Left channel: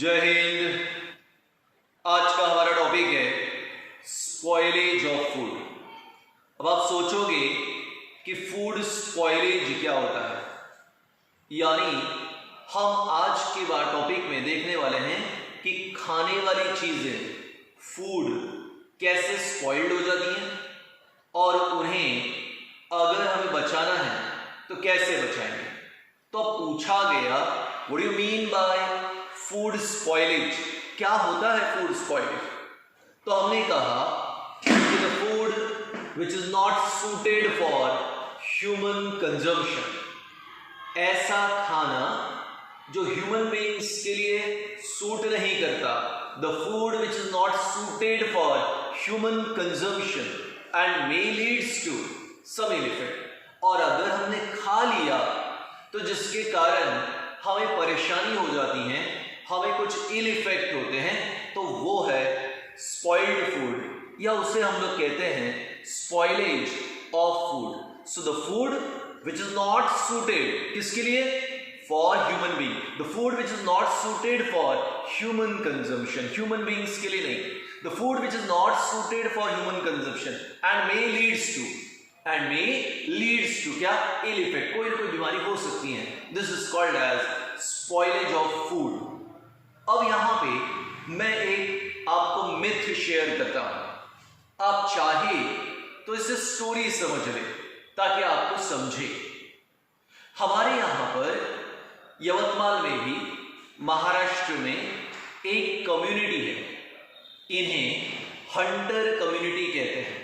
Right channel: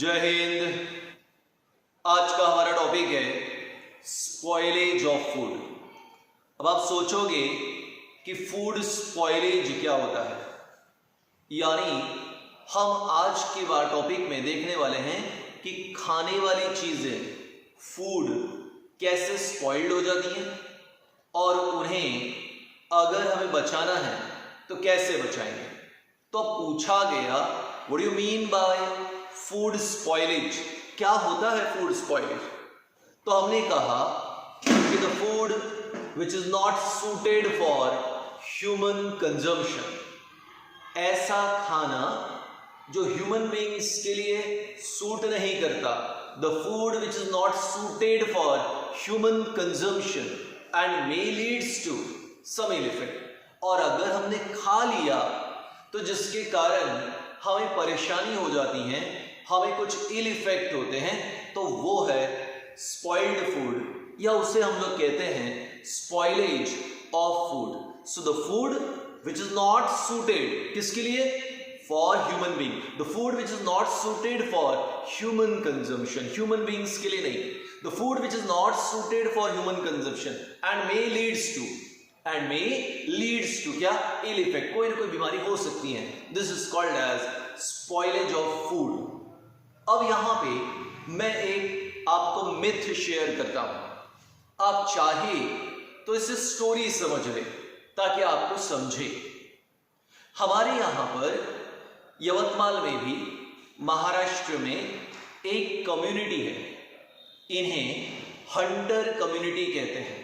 जय हिंद। आज का हमारा टॉपिक है स्पॉइलेज ऑफ फूड। अब आप सोचोगे कि फूड स्पॉइलेज क्या होता है, यानी हम आज के टॉपिक में देखने वाले हैं कि खाने वाली चीजें फूड कैसे स्पॉइल्ड हो जाती हैं और उन्हें अगर हमें बचाना है तो कैसे बचाएंगे। तो अब पूछा गया what do you mean by food spoilage, क्या होता है फूड स्पॉइलेज। तो हमने कहा कि the food which is not suited for human consumption, ऐसा खाना जो ह्यूमन बीइंग्स के लिए सूट नहीं करता, the food which is not suited for human consumption and may leads to some ill effect, और अगर हमने खा लिया तो जिसके कारण हमें परेशानी हो जाती है, हमें कुछ इल इफेक्ट होते हैं, तो वो है स्पॉइल्ड फूड, या उसे हम लोग कहते हैं spoilage of food. So the food which is not suited किसके लिए, for human being, the food which is not suited for human consumption, human beings के लिए नहीं, the food which is not suited for human consumption and may leads to क्या, ill effect, कोई ना कोई बीमारी हो सकती है। This is called as spoilage of food. अब यहां पे मैं एक आपको मिथ शेयर करता हूं, आप चाहे तो इसे स्टोरी समझ लें ताकि आपको समझे। हमारे यहां पर यवतमाल में भी महाराष्ट्र में एक कम्युनिटी है, इन्हें हंटर कम्युनिटी कहते हैं।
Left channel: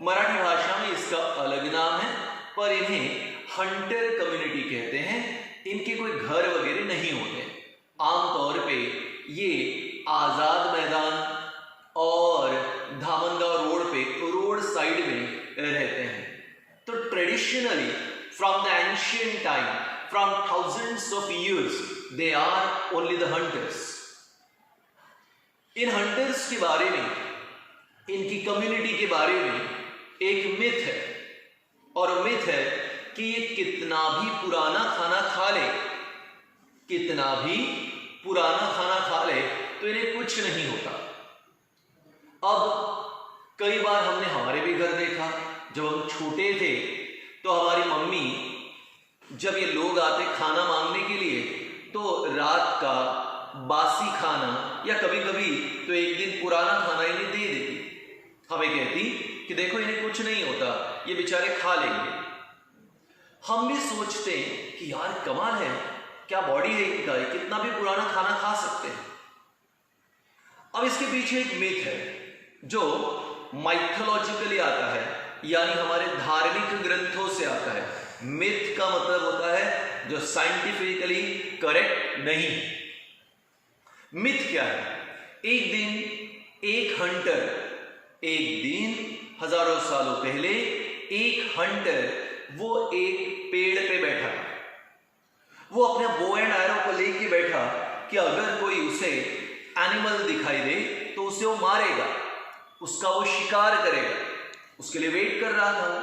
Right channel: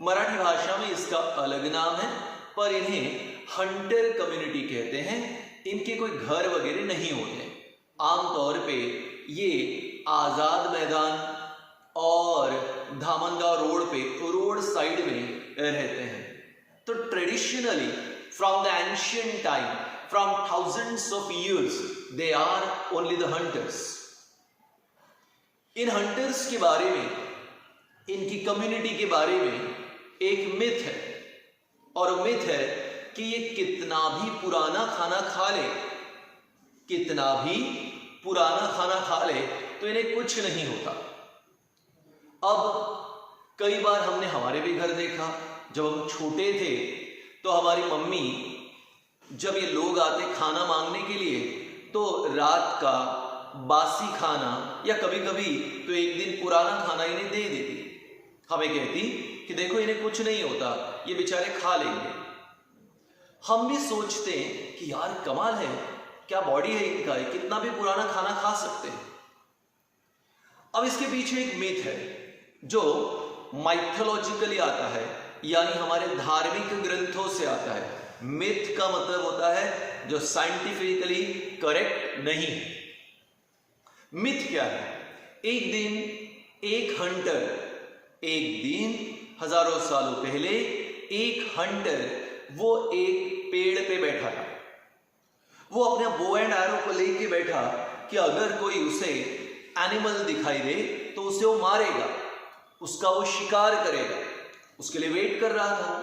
मराठी भाषा में इसका अलग नाम है, पर इन्हें हंटर कम्युनिटी कहते हैं। इनके कोई घर वगैरह नहीं होते, आमतौर पे ये आजाद मैदान और धामनगांव रोड पे रोड साइड में रहते हैं। तो traditionally from the ancient time, from thousands of years, they are only the hunters. इन हंटर्स के बारे में, इनकी कम्युनिटी के बारे में एक मिथ है, और मिथ है कि ये कितना भी पुराना खाना खा ले, कितना भी पुराना खाना खा ले तो इन्हें कुछ नहीं होता। अब कई बार हमने हमारे भी घर देखा, जब हम छोटे थे तो हमारी मम्मी जब ये लोग आते खाना मांगने के लिए, तो रात का बासी खाना या कभी कभी तो एक दिन पुराना खाना इन्हें दे देती। हमें कहती कि देखो इन्हें कुछ नहीं होता, ये बेचारे खा लेंगे। हम भी सोचते हैं कि यार कमाल है, क्या बॉडी है इनका, कितना भी पुराना खाना खा सकते हैं। अब इसके पीछे एक मिथ है जो माइथोलॉजिकली आता है, यानी हमारे धार्मिक ग्रंथों से आता है। मिथ का मतलब होता है जो साइंटिफिकली करेक्ट नहीं। मिथ क्या है, एक दिन एक हंटर, एक दिन हजारों सालों पहले एक हंटर वो एक पेड़ पे बैठा, वो अपने बो एंड एरो को लेके बैठा कि अगर कोई उसे एनिमल दिखाई दे तो उसे वो मारेगा, उसका वो शिकार करेगा। उसके लिए वेट कर रहा था।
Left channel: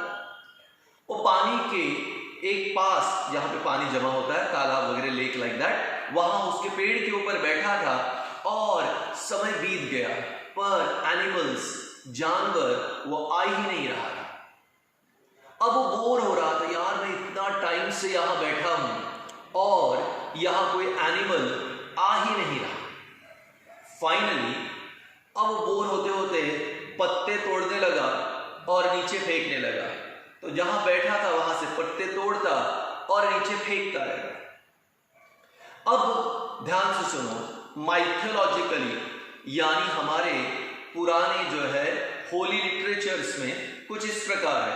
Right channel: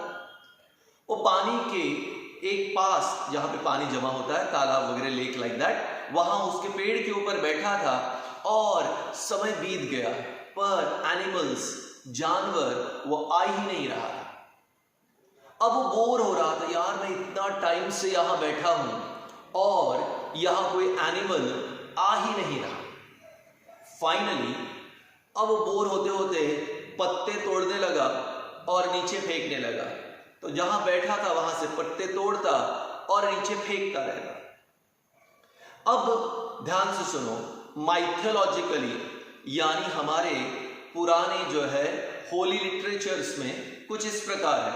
वो पानी के एक पास, जहां पे पानी जमा होता है, तालाब वगैरह, लेक लाइक दैट, वहां उसके पेड़ के ऊपर बैठा था और समय बीत गया, पर एनिमल्स, जानवर वो आ ही नहीं रहा था। अब वो बोर हो रहा था, यार मैं इतना टाइम से यहां बैठा हूं और यहां कोई एनिमल आ ही नहीं रहा। फाइनली अब वो बोर होते होते पत्ते तोड़ने लगा और नीचे फेंकने लगा। तो जहां बैठा था वहां से पत्ते तोड़ता और नीचे फेंकता रहेगा। अब ध्यान से सुनो, माइथोलॉजिकली यानी हमारे पुराने जो है होली लिटरेचर्स में कुछ इस प्रकार है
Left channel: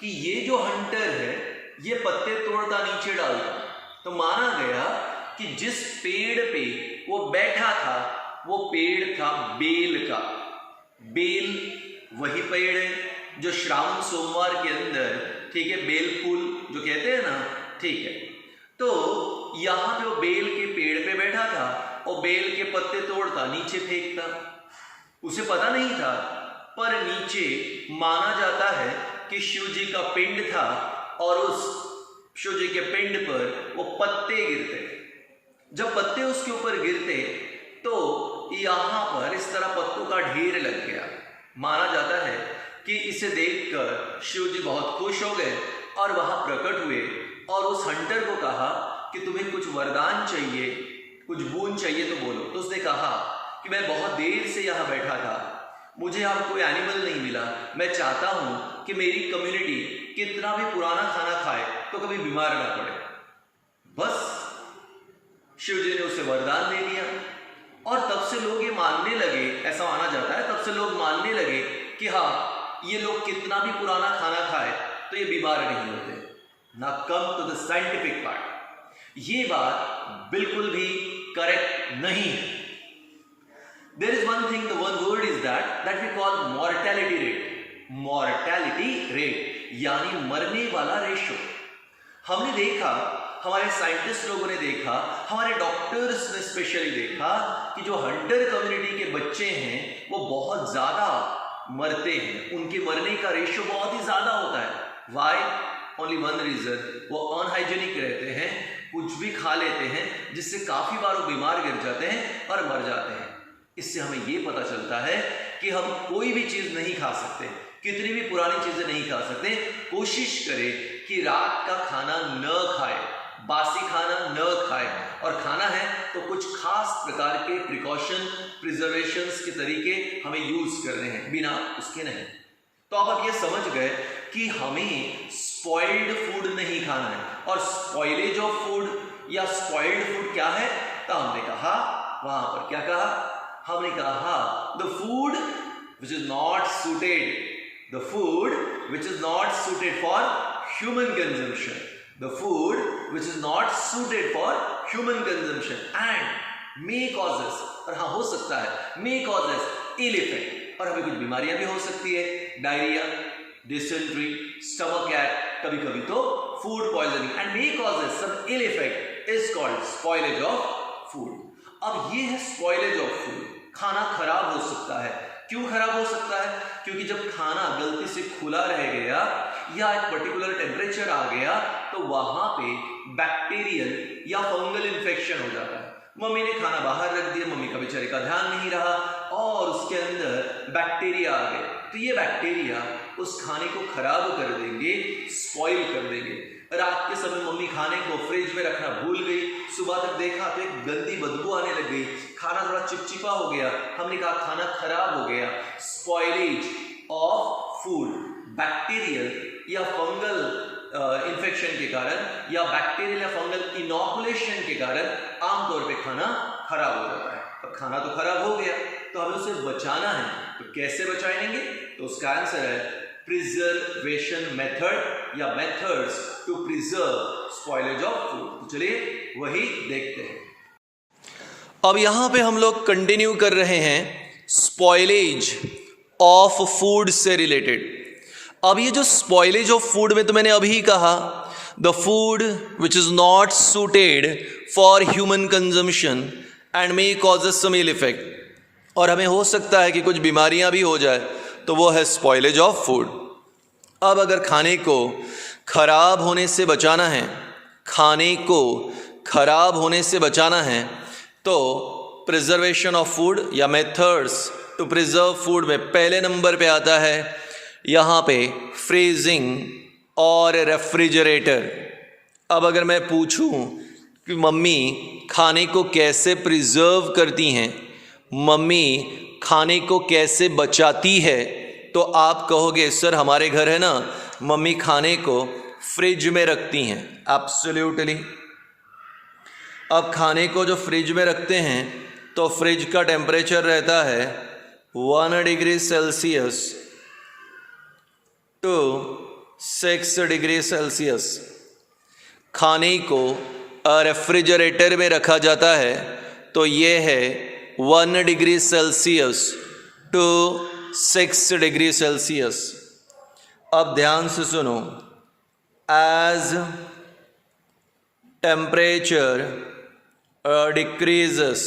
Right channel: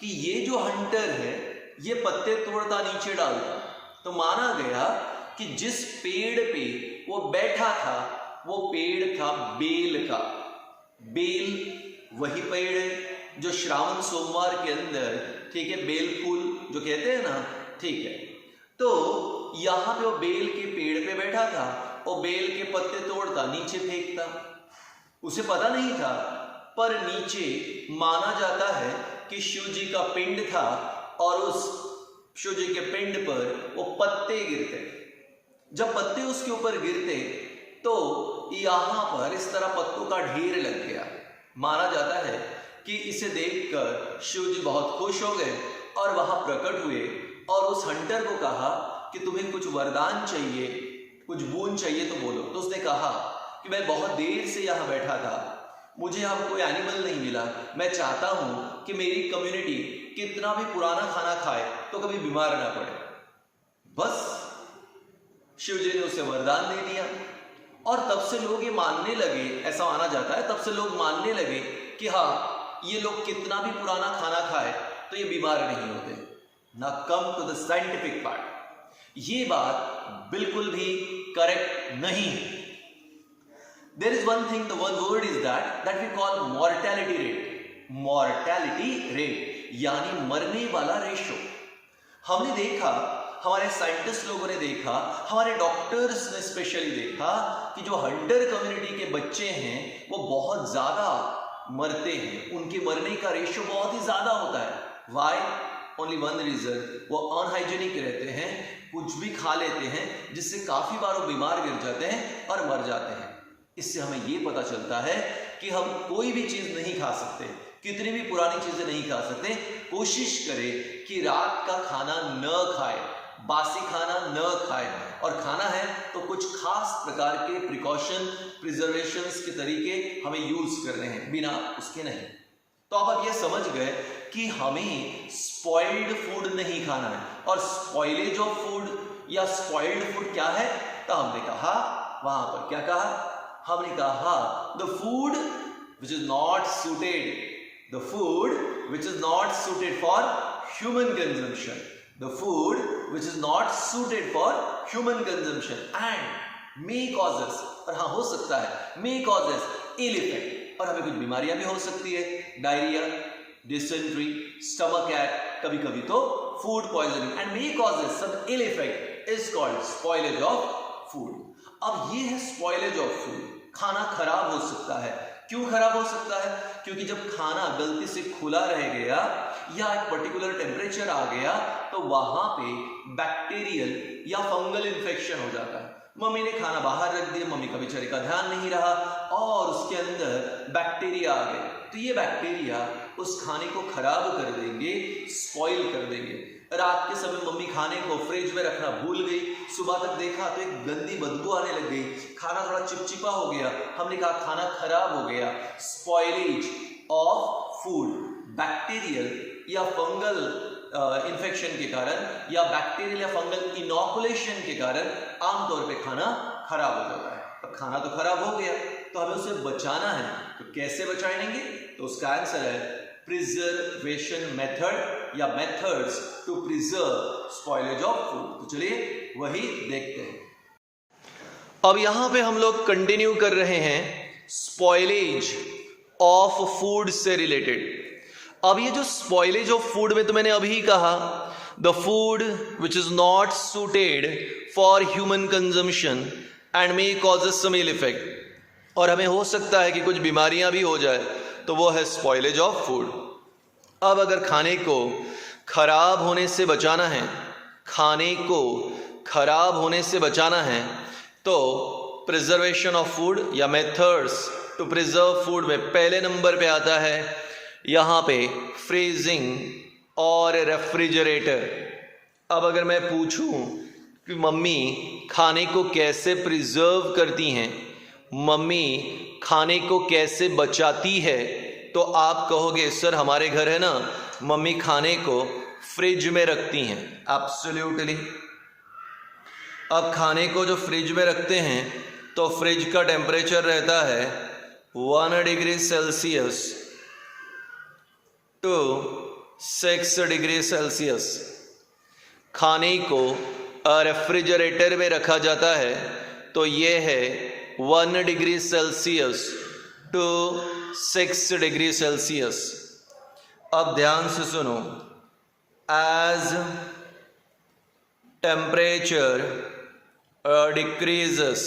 कि ये जो हंटर है ये पत्ते तोड़ता नीचे डालता, तो माना गया कि जिस पेड़ पे वो बैठा था वो पेड़ था बेल का। बेल वही पेड़ है जो श्रावण सोमवार के अंदर, ठीक है, बेल फूल जो कहते हैं ना, ठीक है। तो यहां पे वो बेल के पेड़ पे बैठा था और बेल के पत्ते तोड़ता नीचे फेंकता। उसे पता नहीं था, पर नीचे माना जाता है कि शिव जी का पिंड था और उस शिव जी के पिंड पर वो पत्ते गिरते। जब पत्ते उसके ऊपर गिरते तो यहाँ पर इस तरह पत्तों का ढेर लग गया। माना जाता है कि इसे देखकर शिव जी बहुत खुश हो गए और वहां प्रकट हुए और उस हंटर को कहा कि तुम्हें कुछ वरदान चाहिए, कुछ बोन चाहिए तो बोलो। तो उसने कहा कि मैं बहुत देर से यहाँ बैठा था, मुझे यहाँ कोई एनिमल नहीं मिला, मैं चाहता हूँ कि मेरी कम्युनिटी कितना भी पुराना खाना खाए तो कभी बीमार ना पड़े। बस शिव जी ने उसे वरदान दे दिया और तब से लोग ये मानने लगे, ऐसा माना जाता है, तब से लोग मानने लगे कि हाँ, ये लोग कितना भी पुराना खाना खाए तो ये बीमार नहीं होते। ना come to the scientific part, ये बात बिल्कुल भी करेक्ट नहीं है। There is one thing, the one word is that we call mortality rate. Mortality rate यानी मरने वाला रेशो। हमने देखा, हमारे साइंटिस्ट लोगों ने देखा, हमारे डॉक्टर्स ने स्पेशली देखा कि जो हंटर कम्युनिटी के बच्चे हैं वो बहुत ज्यादा मरते हैं, उनके मरने का रेशो बहुत ही ज्यादा होता है। वाई? ओनली वन रीजन, वो अनहाइजेनिक रहते हैं, कुछ भी खा लेते हैं जिससे काफी बार वो बीमार गिर जाते हैं और मर जाते हैं। इससे हमें ये पता चलता है कि हम कोई भी चीज नहीं खा सकते, कितनी भी पुरानी चीजें नहीं खा सकते। कोशिश करें कि रात का खाना न खाए, बासी खाना न खाए, और खाना है तो कुछ खास प्रकार के प्रिकॉशन, प्रिजर्वेशंस के तरीके हमें यूज करने हैं, बिना उसके नहीं। तो आप अब ये समझ गए कि हमें स्पॉइल्ड फूड नहीं खाना है। और स्पॉइलेज ऑफ फूड या स्पॉइल्ड फूड क्या है? तो हमने कहा, वहां पर क्या कहा? हमने कहा the food which is not suited, the food which is not suited for human consumption, the food which is not suited for human consumption and may causes, और हाँ हो सकता है मे कॉजेस इल इफेक्ट, और हमें कुछ बीमारियां भी हो सकती है, डायरिया, डिसेंट्री, स्टमक ऐक, कभी कभी तो food poisoning, and may causes some ill effect is called spoilage of food. अब ये है स्पॉइलेज ऑफ फूड, खाना खराब हो सकता है। क्यों खराब हो सकता है? क्योंकि जब खाना गलती से खुला रह गया या एक पर्टिकुलर टेम्परेचर आ गया तो वहां पे बैक्टीरियल या फंगल इन्फेक्शन हो जाता है। मम्मी ने खाना बाहर रख दिया, मम्मी का बेचारे का ध्यान नहीं रहा और उसके अंदर बैक्टीरिया आ गए, तो ये बैक्टीरिया उस खाने को खराब कर देंगे, स्पॉइल कर देंगे। रात के समय मम्मी खाने को फ्रिज में रखना भूल गई, सुबह तक देखा तो एक गंदी बदबू आने लग गई, खाना थोड़ा चिपचिपा हो गया, हमने कहा खाना खराब हो गया। स्पॉइलेज ऑफ फूड बैक्टीरियल या फंगल इन्फेक्शन के कारण या बैक्टीरियल या फंगल इनॉकुलेशन के कारण आमतौर पे खाना खराब हो जाता है। अब खाना तो खराब हो गया तो हमें उसे बचाना है, तो कैसे बचाएंगे? तो उसका आंसर है प्रिजर्वेशन मेथड या methods to preserve spoilage of food. तो चलिए वही देखते हैं। अब यहां पे हम लोग कंटिन्यू कर रहे हैं स्पॉइलेज ऑफ फूड से रिलेटेड। अब ये जो स्पॉइलेज ऑफ फूड में तो मैंने अभी कहा the food which is not suited for human consumption and may causes some ill effect, और हमें हो सकता है कि कुछ बीमारियां भी हो जाए, तो वो है स्पॉइलेज ऑफ फूड। अब अगर खाने को खराब होने से बचाना है, खाने को खराब होने से बचाना है, तो प्रिजर्वेशन ऑफ फूड या मेथड्स टू प्रिजर्व फूड में पहले नंबर पे आता है यहाँ पे फ्रीजिंग और रेफ्रिजरेटर। अब अगर मैं पूछूं कि मम्मी खाने को कैसे प्रिजर्व करती हैं, मम्मी खाने को कैसे बचाती है, तो आप कहोगे सर हमारे घर है ना, मम्मी खाने को फ्रिज में रखती हैं। एब्सोल्युटली। अब खाने को जो फ्रिज में रखते हैं तो फ्रिज का टेम्परेचर रहता है 1 degree Celsius to 6 degree Celsius. खाने को रेफ्रिजरेटर में रखा जाता है तो ये है 1 degree Celsius to 6 degree Celsius. अब ध्यान से सुनो, as temperature decreases,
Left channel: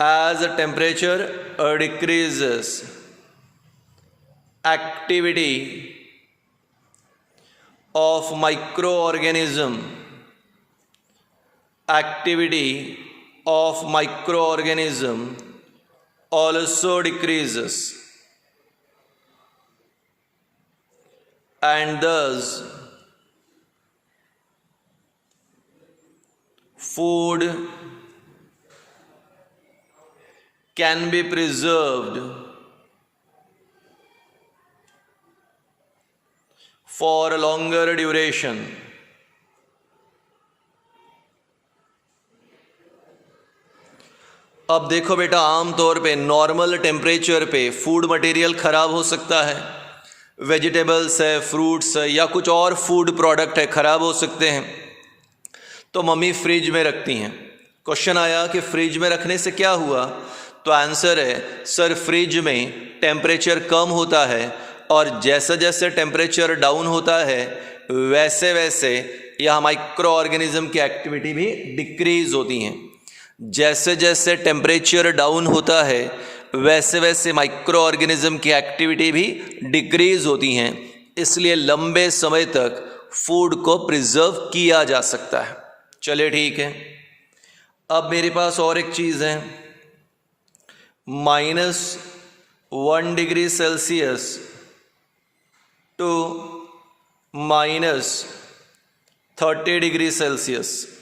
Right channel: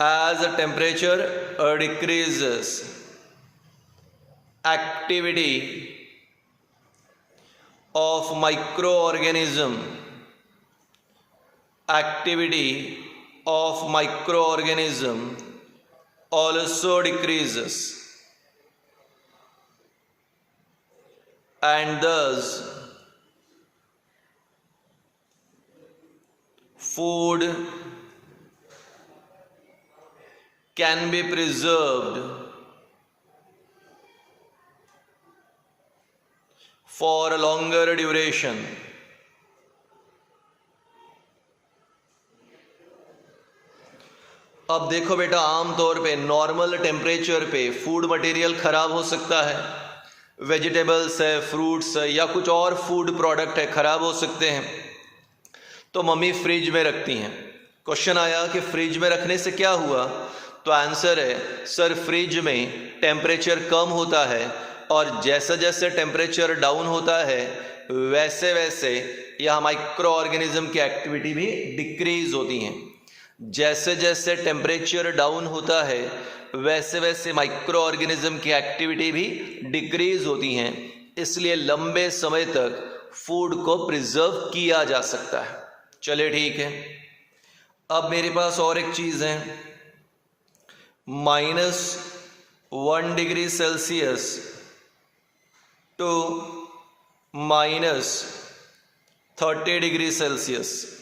as temperature decreases, activity of microorganism, activity of microorganism also decreases, and thus food can be preserved for a longer duration. अब देखो बेटा, आमतौर पे नॉर्मल टेम्परेचर पे फूड मटेरियल ख़राब हो सकता है, वेजिटेबल्स है, फ्रूट्स है, या कुछ और फूड प्रोडक्ट है, ख़राब हो सकते हैं, तो मम्मी फ्रिज में रखती हैं। क्वेश्चन आया कि फ्रिज में रखने से क्या हुआ, तो आंसर है सर फ्रिज में टेम्परेचर कम होता है और जैसे जैसे टेम्परेचर डाउन होता है वैसे वैसे यह माइक्रो ऑर्गेनिज्म की एक्टिविटी भी डिक्रीज होती हैं। जैसे जैसे टेम्परेचर डाउन होता है वैसे वैसे माइक्रो ऑर्गेनिज्म की एक्टिविटी भी डिक्रीज होती हैं, इसलिए लंबे समय तक फूड को प्रिजर्व किया जा सकता है। चलिए ठीक है, अब मेरे पास और एक चीज़ है, -1 degree Celsius to -30 degree Celsius.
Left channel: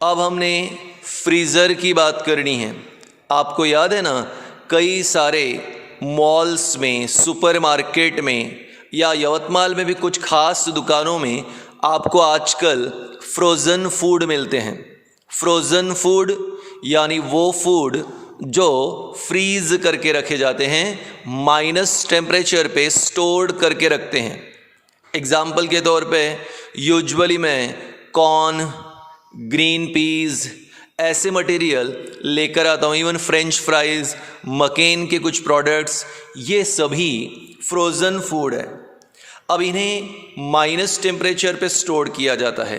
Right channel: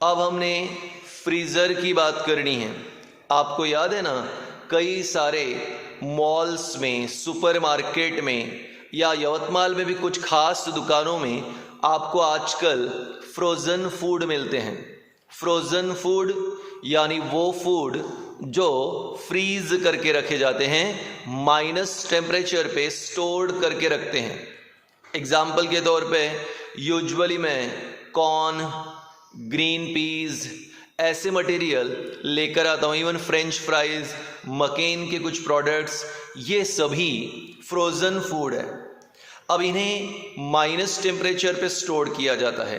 अब हमने फ्रीज़र की बात करनी है। आपको याद है ना, कई सारे मॉल्स में, सुपरमार्केट में या यवतमाल में भी कुछ खास दुकानों में आपको आजकल फ्रोज़न फूड मिलते हैं। फ्रोज़न फूड यानी वो फूड जो फ्रीज़ करके रखे जाते हैं, माइनस टेम्परेचर पे स्टोर्ड करके रखते हैं। एग्जाम्पल के तौर पे यूजुअली मैं कॉर्न, ग्रीन पीज़ ऐसे मटेरियल लेकर आता हूँ, इवन फ्रेंच फ्राइज़, मकेन के कुछ प्रोडक्ट्स, ये सभी फ्रोज़न फूड है। अब इन्हें माइनस टेम्परेचर पे स्टोर किया जाता है।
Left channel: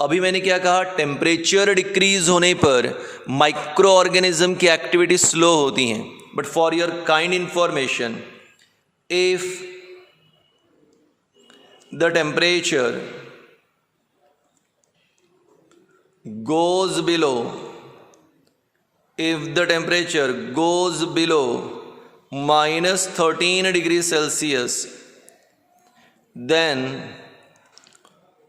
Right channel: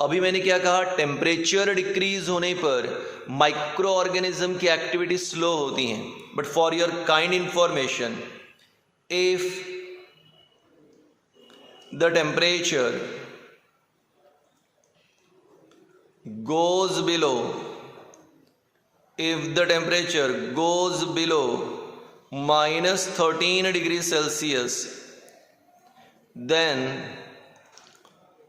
अभी मैंने क्या कहा, टेम्परेचर डिक्रीज होने पर माइक्रो ऑर्गेनिज्म की एक्टिविटी स्लो होती हैं। But for your kind information, if the temperature goes below, if the temperature goes below -13 degrees Celsius, then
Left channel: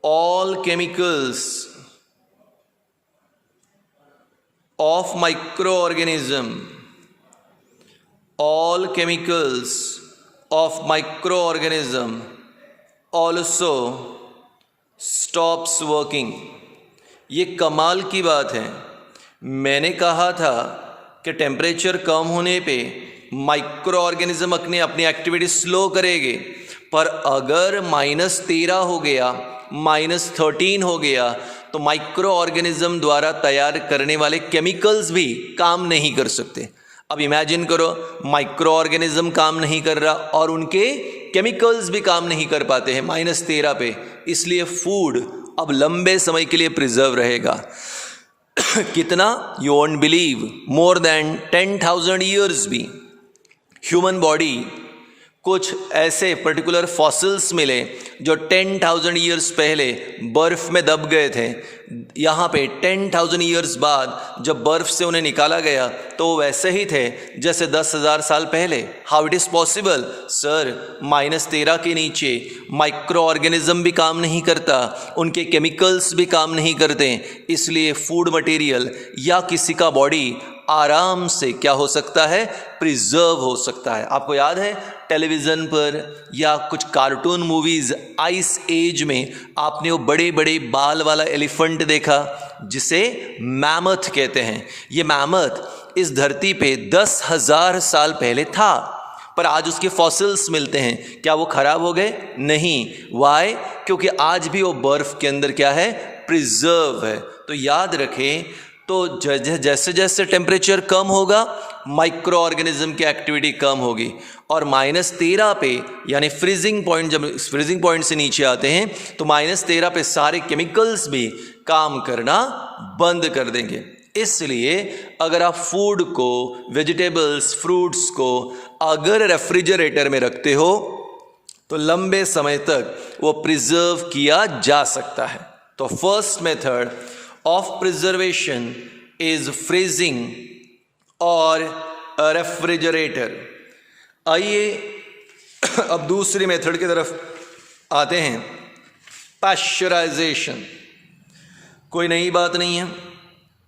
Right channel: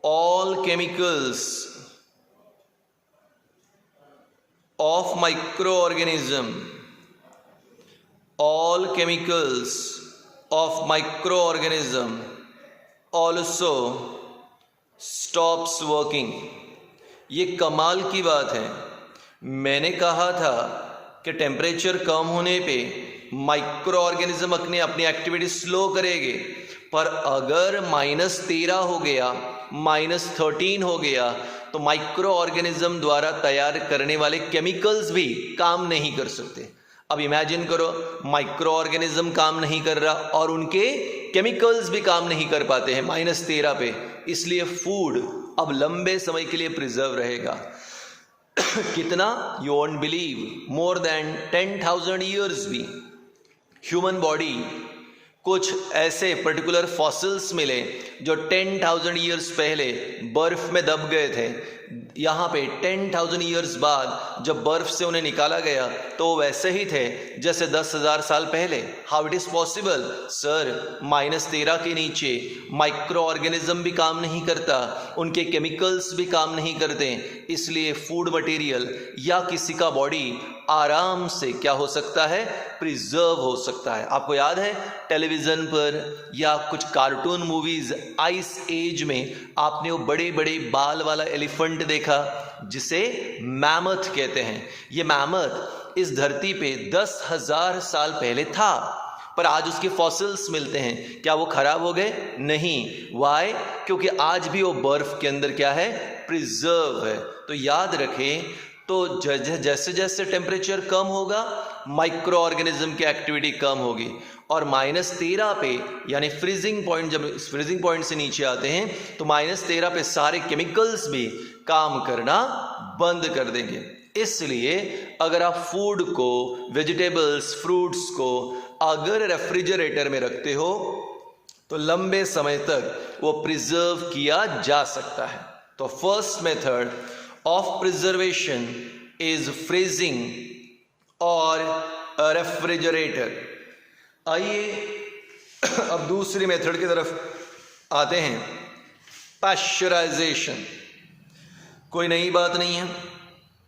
all chemicals of microorganism also stops working. ये कमाल की बात है। मैंने कहा था कि टेम्परेचर कम होने पे माइक्रो ऑर्गेनिज्म अपनी एक्टिविटी स्लो करेंगे, पर अगर -13 हो गया, -13 हो गया, तो माइक्रो ऑर्गेनिज्म द्वारा तैयार करने वाले केमिकल्स भी काम नहीं कर सकते। अब इमेजिन करो, माइक्रो ऑर्गेनिज्म काम नहीं कर रहा और उनके केमिकल्स भी काम नहीं कर पाते हैं -13 पे, इसलिए फूड अब लंबे समय के लिए प्रिजर्व रहेगा। कितना, you won't believe, more than 10,000 years भी। ह्यूमन बॉडी, कुछ ऐसे पर्टिकुलर फॉसिल्स मिले जो 10,000 ईयर्स पहले बर्फ़ में दब गए थे। यहाँ पे 10,000 ईयर्स बाद जब बर्फ़ से उन्हें निकाला गया तो वैसे ही थे जैसे 10,000 साल पहले। How it is possible sir? -13 के नीचे माइक्रो ऑर्गेनिज्म भी काम नहीं करता, उनके केमिकल्स भी काम नहीं करते, इसलिए फूड मटेरियल या किसी का बॉडी आराम से क्या हो सकता है, प्रिजर्व हो सकता है। आपको याद है टेलीविज़न पर या कुछ कार्टून मूवीज़ आइस एज में आपने वो बड़े बड़े बाल वाला एलिफेंट देखा जिसे मैमथ कहते हैं। ये मैमथ इस धरती पे 10,000 साल पहले था, पर आज उसके फॉसिल्स मिलते हैं। क्या वो ख़राब हो गए? नहीं। वाई? क्योंकि आज भी वो बर्फ़ के अंदर क्या है, प्रिजर्व है। तो याद रखें, तो जैसे जैसे टेम्परेचर कम होगा माइक्रो ऑर्गेनिज्म की एक्टिविटी कम होगी, और -13 पे यानी फ्रीजिंग पॉइंट, जब फ्रीजिंग पॉइंट से नीचे आते हैं तो -13 पे सारे केमिकल्स भी काम करना बंद कर देंगे। इसलिए अगर आप फूड को, वेजिटेबल्स, फ्रूट्स को अगर रेफ्रिजरेटर में रखते हो तो लंबे समय तक वो प्रिजर्व किया जा सकता है। तो first method of preservation is freezing और रेफ्रिजरेटर। आइए अब दूसरी मेथड की तरफ आते हैं, पाश्चराइजेशन। कोई नई बात नहीं है।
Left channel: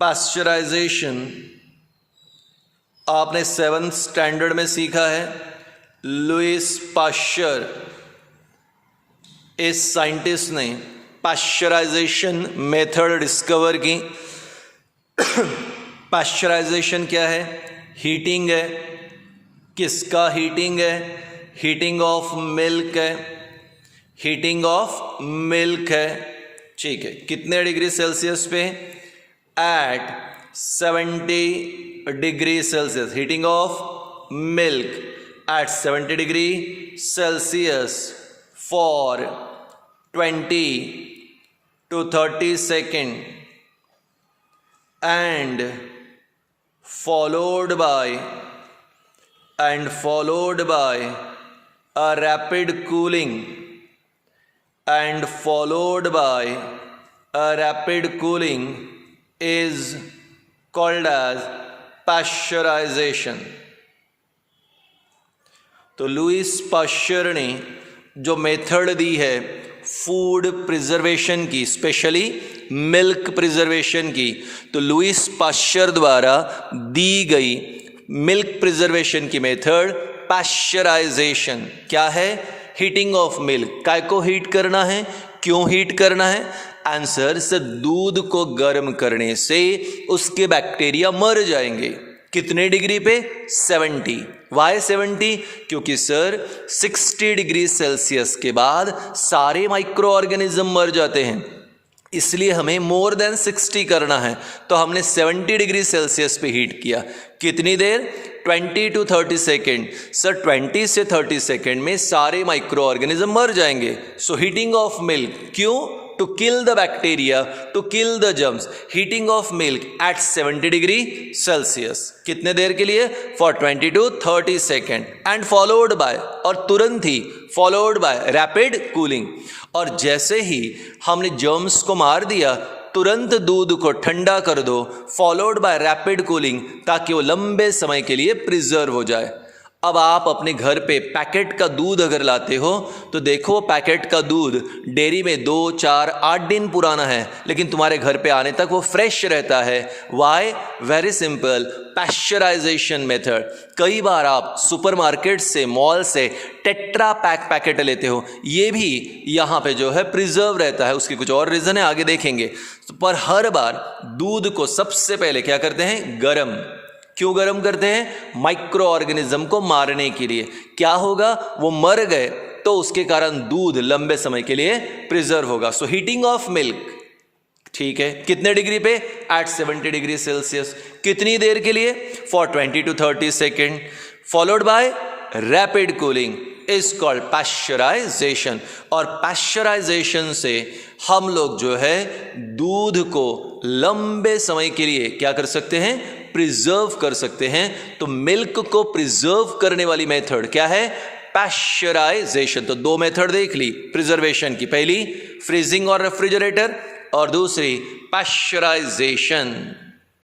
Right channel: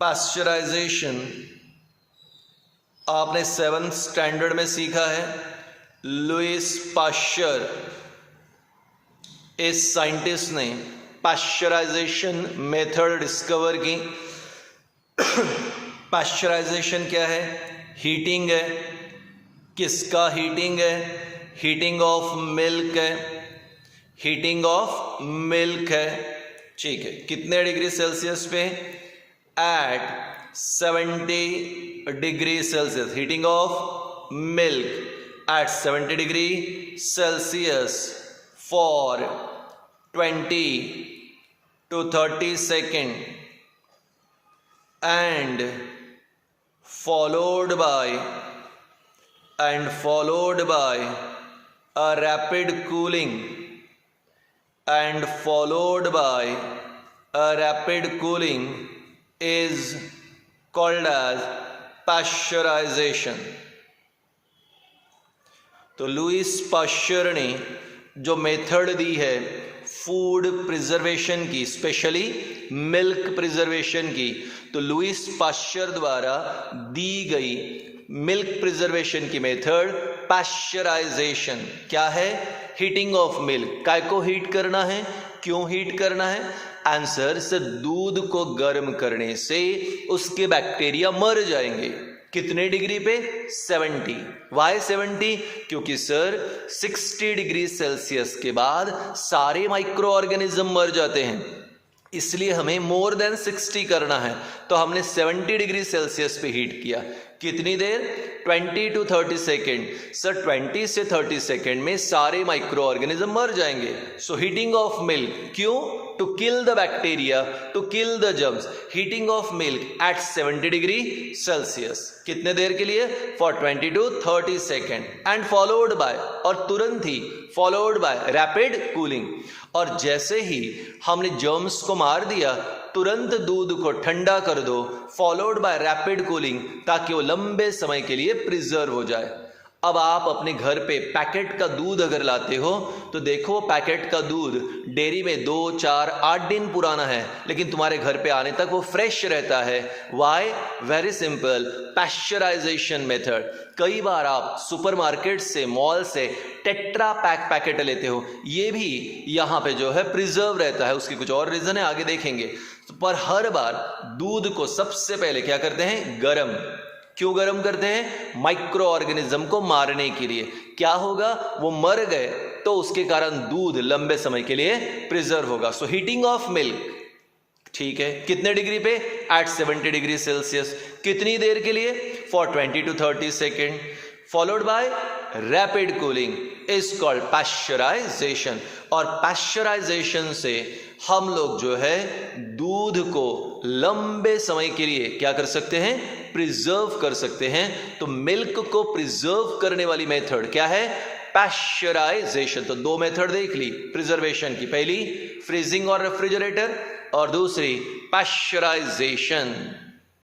पाश्चराइजेशन आपने 7th स्टैंडर्ड में सीखा है। लुईस पाश्चर इस साइंटिस्ट ने पाश्चराइजेशन मेथड डिस्कवर की। पाश्चराइजेशन क्या है? हीटिंग है। किसका हीटिंग है? हीटिंग ऑफ मिल्क है। हीटिंग ऑफ मिल्क है, ठीक है। कितने डिग्री सेल्सियस पे? At 70 degree Celsius. Heating of milk at 70 degree Celsius for 20 to 30 seconds and followed by a rapid cooling is called as pasteurization। तो Lewis Pasteur ने जो method दी है फूड प्रिजर्वेशन की, स्पेशली मिल्क प्रिजर्वेशन की, तो Lewis Pasteur द्वारा दी गई milk preservation की मेथड पाश्चराइजेशन क्या है? Heating of milk. काय को हीट करना है? क्यों हीट करना है? आंसर से दूध को गर्म करने से उसके बैक्टीरिया मर जाएंगे। कितने डिग्री पे? 70। वाई 70? क्योंकि सर 60 डिग्री सेल्सियस के बाद सारे माइक्रो ऑर्गेनिज्म मर जाते हैं, इसलिए हमें मोर देन 60 करना है। तो हमने 70 डिग्री सेल्सियस पे हीट किया। कितनी देर? 20 to 30 सेकेंड। सर 20 से 30 सेकेंड में सारे माइक्रो ऑर्गेनिज्म मर जाएंगे। सो हीटिंग ऑफ मिल्क, क्यों? To kill the bacteria, to kill the germs. Heating of milk at 70 degree Celsius. कितने देर के लिए? For 20 to 30 second and followed by, और तुरंत ही फॉलोड बाय रैपिड कूलिंग। और जैसे ही हमने जर्म्स को मार दिया, तुरंत दूध को ठंडा कर दो, फॉलोड बाय रैपिड कूलिंग, ताकि वो लंबे समय के लिए प्रिजर्व हो जाए। अब आप अपने घर पे पैकेट का दूध अगर लाते हो तो देखो पैकेट का दूध डेयरी में 2, 4, 8 दिन पुराना है, लेकिन तुम्हारे घर पे आने तक वो फ्रेश रहता है। Why? Very simple, pasteurisation method. कई बार आप सुपरमार्केट से, मॉल से टेट्रा पैक पैकेट लेते हो, ये भी यहाँ पे जो है प्रिजर्व रहता है। उसकी कुछ और रीज़न है, आगे देखेंगे। पर हर बार दूध को सबसे पहले क्या करते हैं? गरम। क्यों गरम करते हैं? माइक्रो ऑर्गेनिज्म को मारने के लिए। क्या होगा? वो मर गए तो उसके कारण दूध लंबे समय के लिए प्रिजर्व होगा। सो हीटिंग ऑफ मिल्क, ठीक है। कितने डिग्री पे? At 70 degree Celsius. कितनी देर के लिए? For 20 to 30 second, followed by rapid cooling is called pasteurisation. और पाश्चराइजेशन से हम लोग जो है दूध को लंबे समय के लिए क्या कर सकते हैं? प्रिजर्व कर सकते हैं। तो मिल्क को प्रिजर्व करने वाली मेथड क्या है? पाश्चराइजेशन। तो 2 मेथड देख ली प्रिजर्वेशन की, पहली फ्रीजिंग और रेफ्रिजरेटर, और दूसरी पाश्चराइजेशन।